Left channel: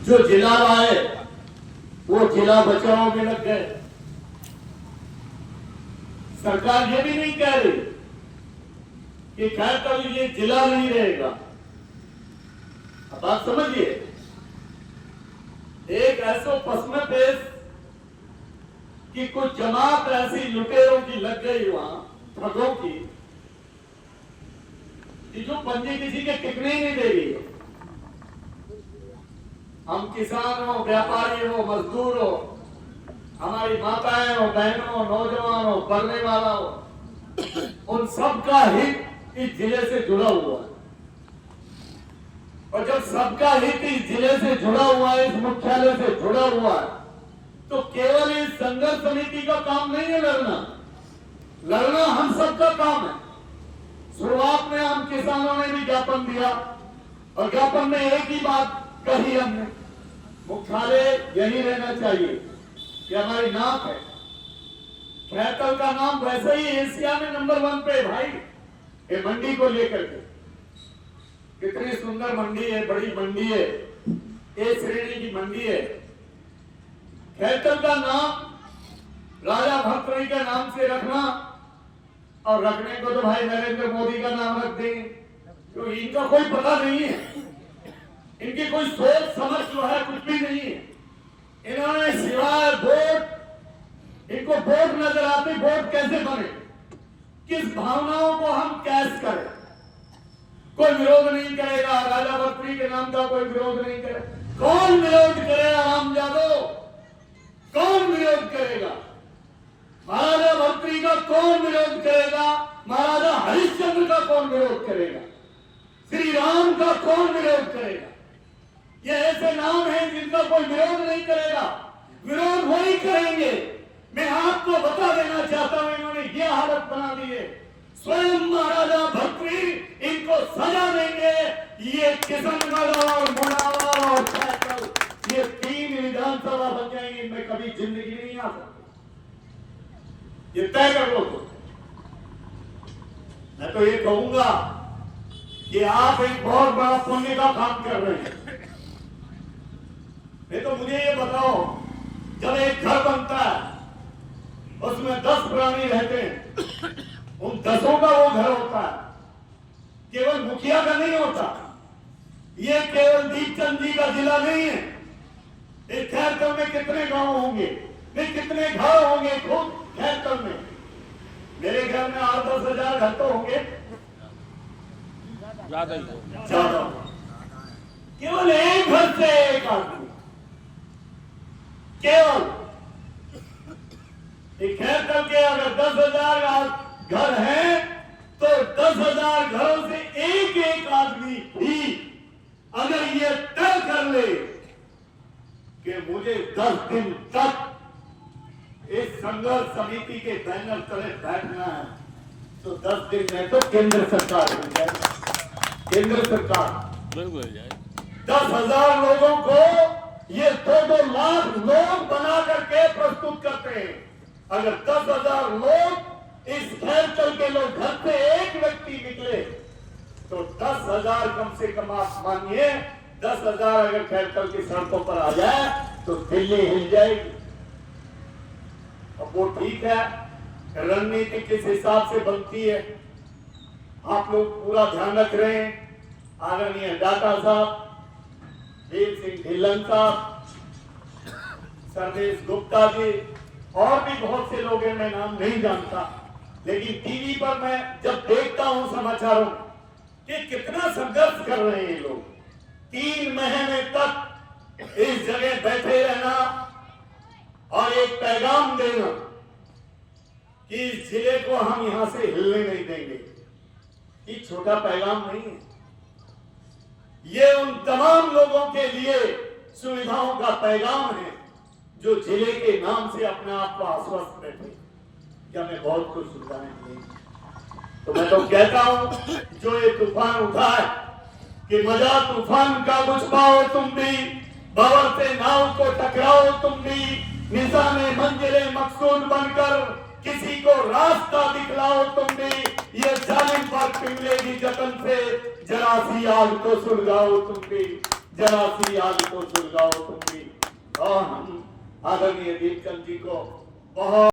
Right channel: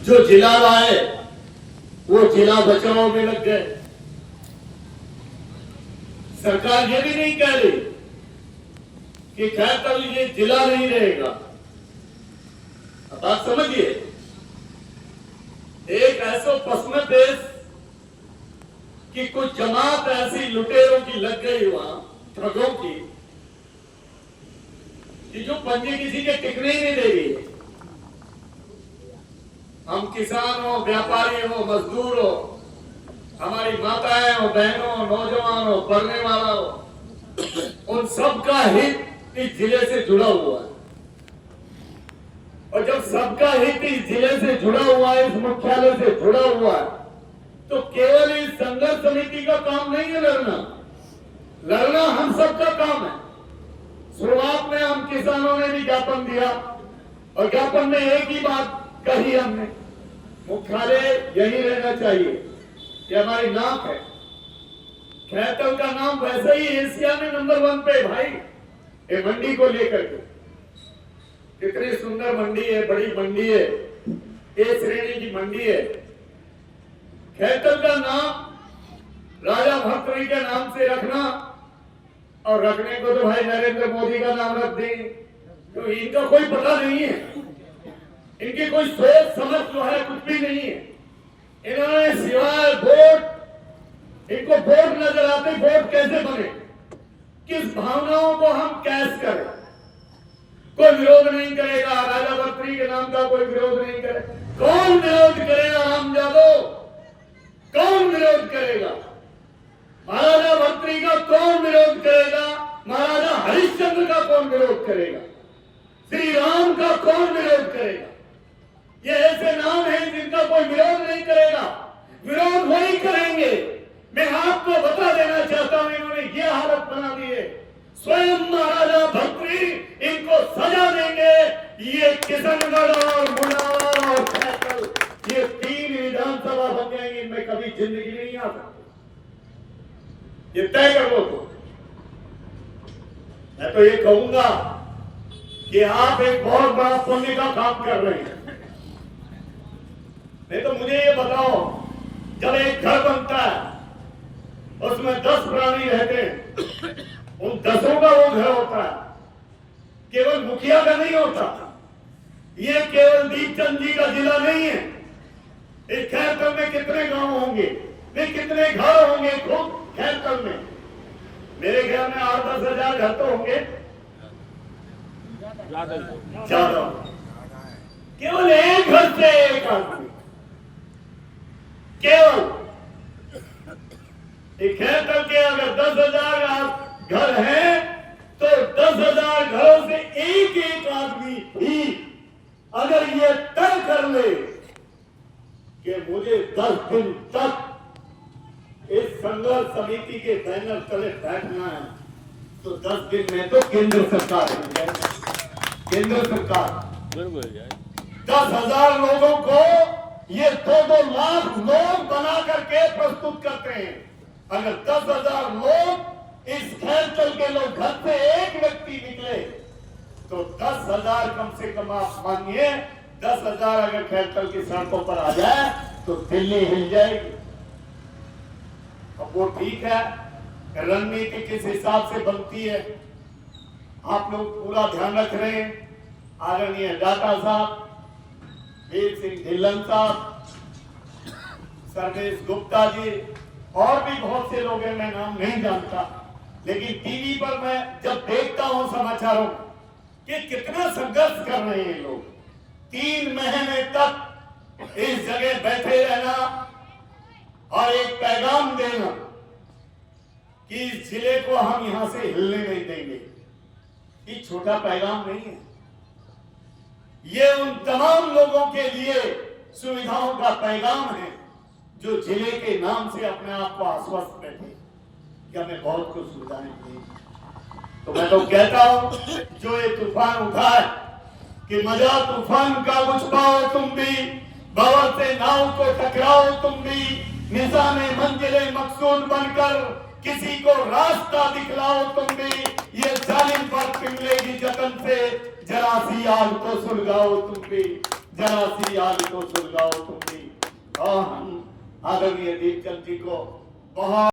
जो जिला लाए वो जिला बचाओ में लग गए। सरकार ये भी नहीं कह रही कि खैरतल ये जिला नहीं रहेगा। अब बात समझिए, एक ऐसा पश्चिम देश की कुछ जमात ऐसी लुटेरों की लग गई वहां, ठगों की, कि जो पंजे किसी के टिकने ही नहीं देगी। हम किसान हो, व्यापारी हो, मजदूर हो, हमारी माताएं हो, बहनों हो, नौजवान हो, पढ़ने वाला हो, उन सबका हित इस जिले से जुड़ा हुआ है। और जब सबका हित इस जिले से जुड़ा हुआ है, इस मुख्यालय से जुड़ा हुआ है, तो केवल इस संघर्ष समिति का काम नहीं है लड़ना। लड़ना हम सबका काम है। शुरुआत में हम किसानों ने भी ज्ञापन दिया और ज्ञापन में एक ही बात कही हमने, मुख्यालय यही रहना चाहिए कि हमारी नाक है। खैरतल का नाम वैसे ही एशिया में नंबर 1 पे भाई, ये मंडी को लेकर के कितनी सुंदर मंडी है, बड़ी मंडी है, ए श्रेणी की मंडी है। खैरतल का नाम राजा भर्तृहरि के नाम से रखना, और रखने को तो भाई नरेंद्र मोदी का नाम रख देंगे, तो इनका कोई पता नहीं है, इनकी कोई सोच समझ जो है कुछ भी नहीं है। इन्होंने सिवाय वोट, इनको वोट नजर आते, वोट कैसे बने, किस भावनाओं को हम कैश करें। कोई विरोध नहीं करेगा, राजा भर्तृहरि के नाम का कोई विरोध नहीं करे। कौन विरोध करेगा? राम यादव, कौन विरोध करेगा? महाराजा भर्तृहरि का कौन विरोध करेगा? महाराजा हरिश्चंद्र का कौन विरोध करेगा? श्री राम का कौन विरोध करेगा? ये ऐसे नाम हैं जिनका कोई विरोध नहीं करेगा। विरोध वही करेंगे। मैं आपको बता देना चाहता हूं, इन्होंने ये हालत बना दी है, स्वयं महाराजा भर्तृहरि इनको सजा देंगे। ये किशनगढ़ और मुनावर और खैरतल, ये 3 विधानसभा बन जाएंगी, इनमें कभी जिंदगी नहीं आ सकती। ये तय कर लो। तो मैं तो ये कहूंगा कि आप एक बहुत बड़ा पुण्य का काम कर रहे हैं। नहीं तो मुझे ये बताओ, जब एक घर बनता है उसमें 10 प्राणी रहते हैं, उन 10 का वो घर होता है, केवल मुखिया का नहीं होता। ये केवल दीपचंद जी का जिला नहीं है। इस खैरतल में कितने गांव होंगे, कितने घर होंगे खुद खैरतल में? मेरे ख्याल में 8-10 हजार घर तो होंगे, ज्यादा। केवल एक घर से एक आदमी, केवल खैरतल के अगर 10,000 घर हैं, तो 10,000 घरों से एक एक आदमी भी अगर ये तय कर ले कि मुझे 10 दिन तक इस संघर्ष समिति के बैनर तले बैठना है, तो 10 दिन में तो केंद्र सरकार बन जाए। केंद्र सरकार 10,000 लोगों को ये 2-2 लाख लोग बना करके प्रस्तुत करते हैं। अगर 10,000 लोग इस खैरतल के लोग घर से एक व्यक्ति निकले, तो 10,000 कम से कम आप मानिए, 10,000 अगर खैरतल की सड़कों पर आ जाए तो दिल्ली हिल जाएगी। अब वो ठीक है, रणनीति किस हिसाब से बनती है आप लोग पूरा ध्यान रख रहे हैं। आदरणीय दाता साहब, वीर सिंह ढिल्लन साहब, सर्वेश गुप्ता जी, और भी बहुत से लोग हैं, मैं नाम नहीं जानता, लेकिन टीवी पर मैं जब देखता हूं समाचारों कि कितना संघर्ष कर रहे हैं लोग। 3 महीने तक इस जगह बैठे रहना और एक पैगाम देना कि इस जिले को हम यहां से हिलने नहीं देंगे, ये छोटा पैगाम नहीं है। ये उन तमाम लोगों के लिए सुविधाओं का पैगाम है जो जिले के नाम से अपने आप को आश्वस्त बैठे कि हमें बहुत कुछ सुविधाएं दी। तो मैं तो कहता हूं, जो ये तूफान उठा है कि मजा तूफान का कुछ पाओ तुम भी, बवर से नाव को टकराओ तुम भी, निशाने मंजिले मकसूद बनकर किसी को रास्ता दिखलाओ तुम भी, ये जालिम पर पिघलेगी जतन से, जरा सी आग को सुलगाओ तुम भी। जरा सी याद तो सुलगाओ तुम भी। और हम आदरणीय दीपचंद जी को बहुत